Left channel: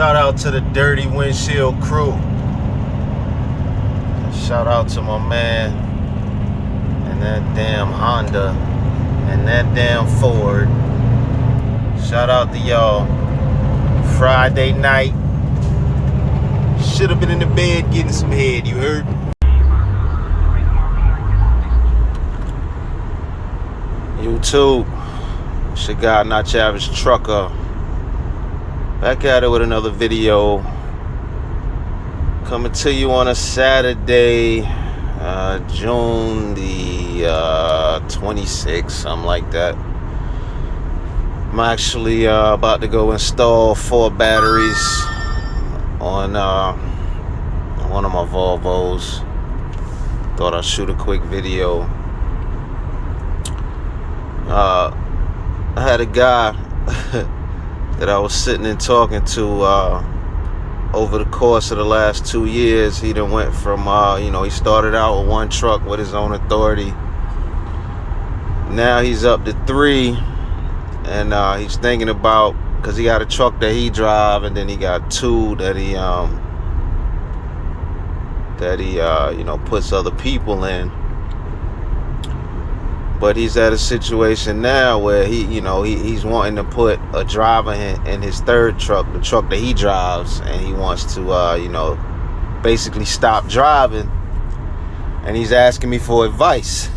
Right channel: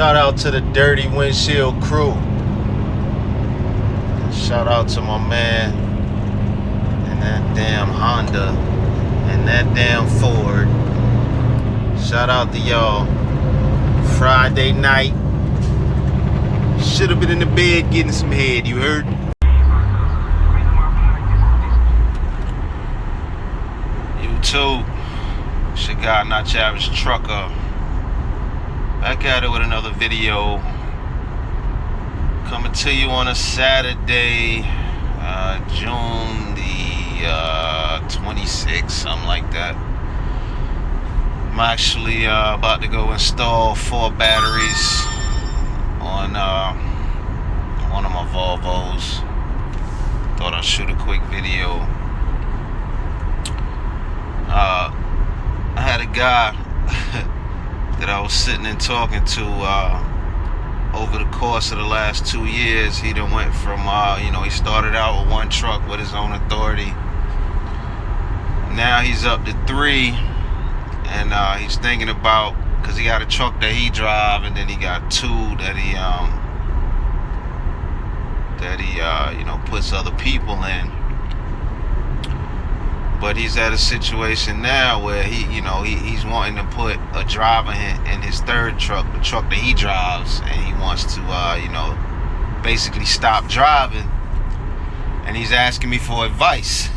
Shout out to the Dirty Windshield crew. Shout out to my man and that damn Honda and that damn Ford. Shout out to y'all. Friday night. Should have been in the bed getting some head, you heard? YouTube. It's your guy, Not Your Average Trucker. Back at it with another video. Coming to you on a Saturday, June the 26th, something like that. I'm actually about to go install 4 batteries on one of my Volvos. Thought I'd shoot a quick video. I had a guy that I was sitting and talking to over the course of the last 2 years. He done went from, he started out with 1 truck with his own authority. Now he's up to 3, and he's thinking about, because he got a truck that he drive, and then he got 2 that he puts other people in. But he's at a situation now where he's wanting to put a driver in his 3rd truck, the truck that he drives, and he wants to basically stop driving. And he's asking me for advice.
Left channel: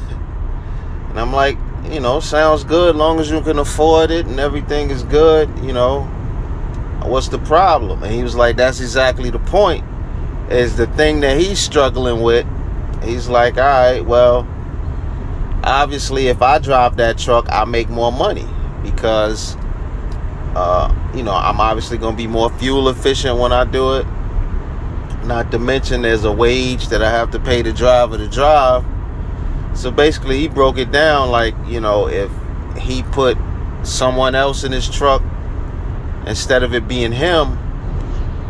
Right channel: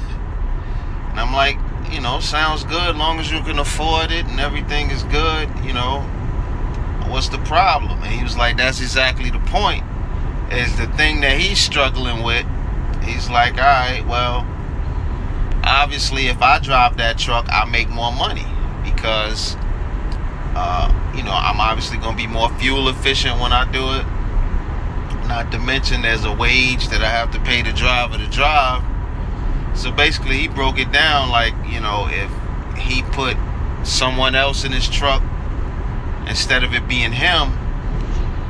And I'm like, sounds good, as long as you can afford it and everything is good, what's the problem? And he was like, that's exactly the point. Is the thing that he's struggling with. He's like, all right, well, obviously, if I drive that truck, I make more money because, I'm obviously going to be more fuel efficient when I do it. Not to mention there's a wage that I have to pay the driver to drive. So basically, he broke it down like, if he put someone else in his truck, instead of it being him,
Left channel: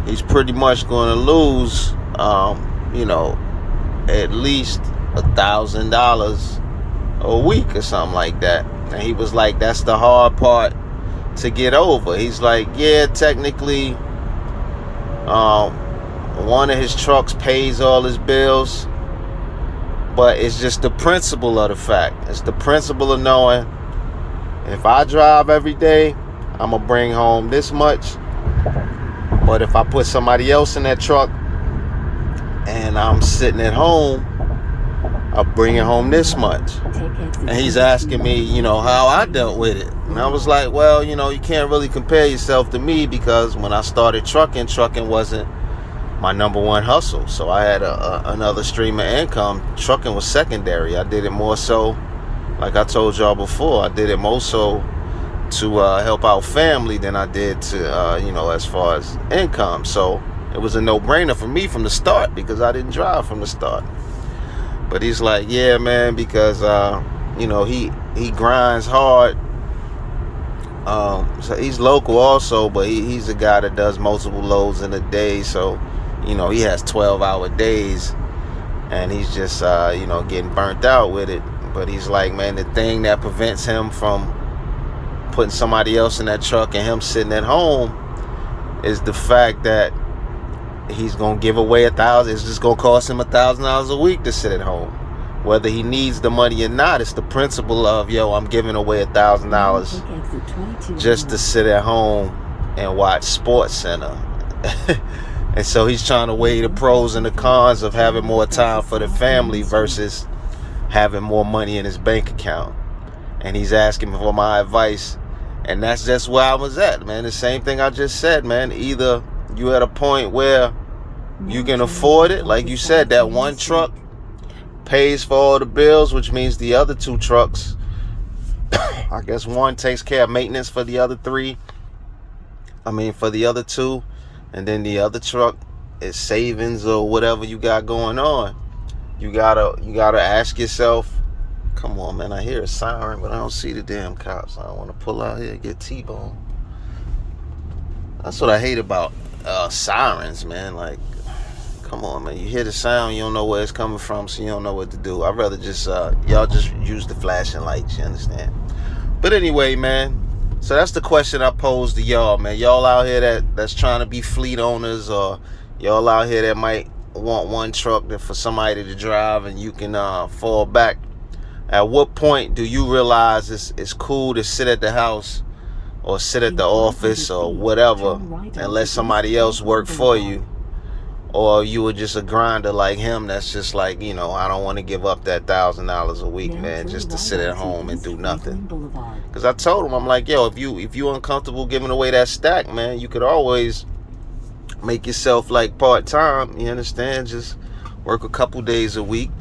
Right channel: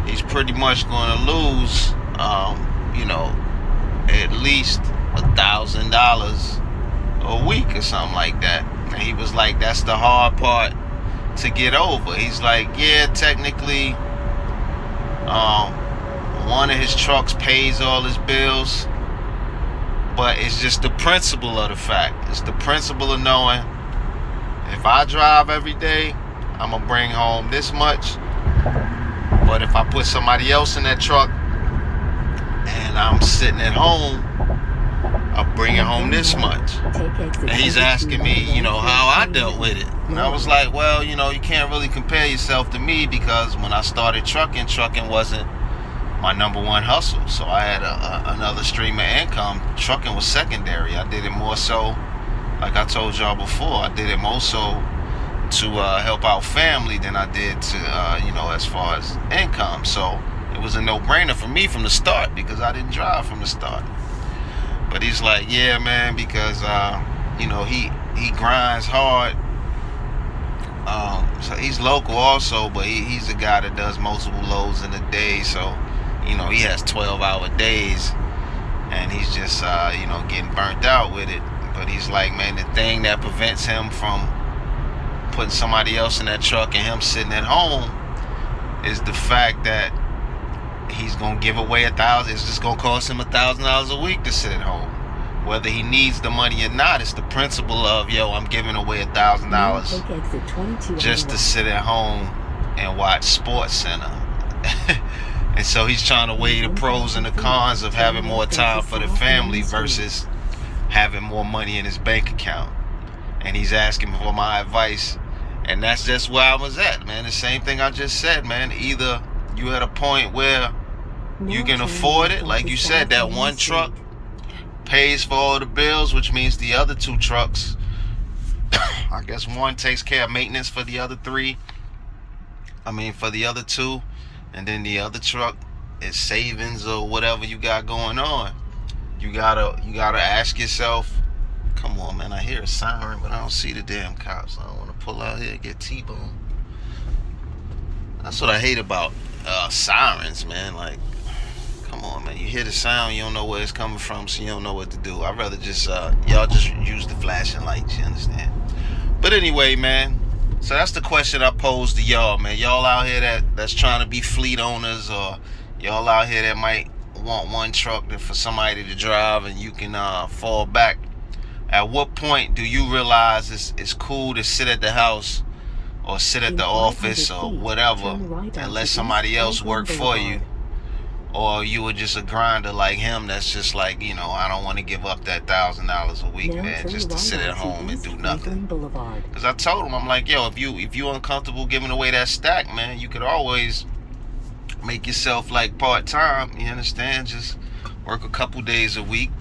he's pretty much going to lose, at least $1,000 a week or something like that. And he was like, that's the hard part to get over. He's like, yeah, technically one of his trucks pays all his bills, but it's just the principle of the fact. It's the principle of knowing, if I drive every day, I'm gonna bring home this much. But if I put somebody else in that truck and I'm sitting at home, I'm bringing home this much. And he's asking me, how I dealt with it. And I was like, well, you can't really compare yourself to me, because when I started trucking wasn't my number one hustle. So I had another stream of income. Trucking was secondary. I did it more so, like I told y'all before, I did it more so to help out family than I did to, as far as income. So it was a no-brainer for me from the start, because I didn't drive from the start. But he's like, yeah, man, because, he grinds hard. So he's local also, but he's a guy that does multiple loads in a day. So, he has 12-hour days, and he's just, getting burnt out with it. But he's like, man, the thing that prevents him from putting somebody else in that truck and him sitting at home is the fact that he's gonna give away $1,000. It's just gonna cost him $1,000 a week to sit at home, whether he needs the money or not. It's the principle of, I'm giving away $1,000 just to sit at home and watch Sports Center. And so he's trying to weigh the pros and the cons of having more time for the family versus having more money in his bank account. And he's asking me for my advice, and that's just where I was at, man. The same thing I just said, man. Either you at a point where you can afford it, like you said, that 1 truck pays for all the bills, which means the other 2 trucks, I guess 1 takes care of maintenance for the other 3. For the other 2, and then the other truck is savings or whatever you got going on. You gotta ask yourself, come on, man, I hear a siren, but I don't see the damn cops. I don't want to pull out here and get T-boned. That's what I hate about sirens, man. Like, come on, man. You hear the sound, you don't know where it's coming from, so you don't know what to do. I'd rather just, y'all just use the flashing lights, you understand? But anyway, man, So that's the question I pose to y'all, man. Y'all out here that's trying to be fleet owners, or y'all out here that might want one truck for somebody to drive and you can fall back. At what point do you realize it's cool to sit at the house or sit at the office or whatever and let somebody else work for you? Or you were just a grinder like him that's just like, I don't want to give up that $1,000 a week, man, just to sit at home and do nothing. Because I told him, I'm like, yo, if you uncomfortable giving away that stack, man, you could always make yourself like part-time, you understand? Just work a couple days a week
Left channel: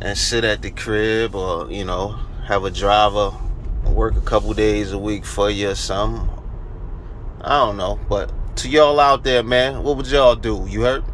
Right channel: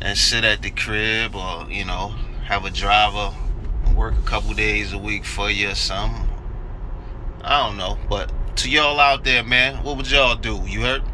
and sit at the crib, or, have a driver work a couple days a week for you or something. I don't know, but to y'all out there, man, what would y'all do? You heard?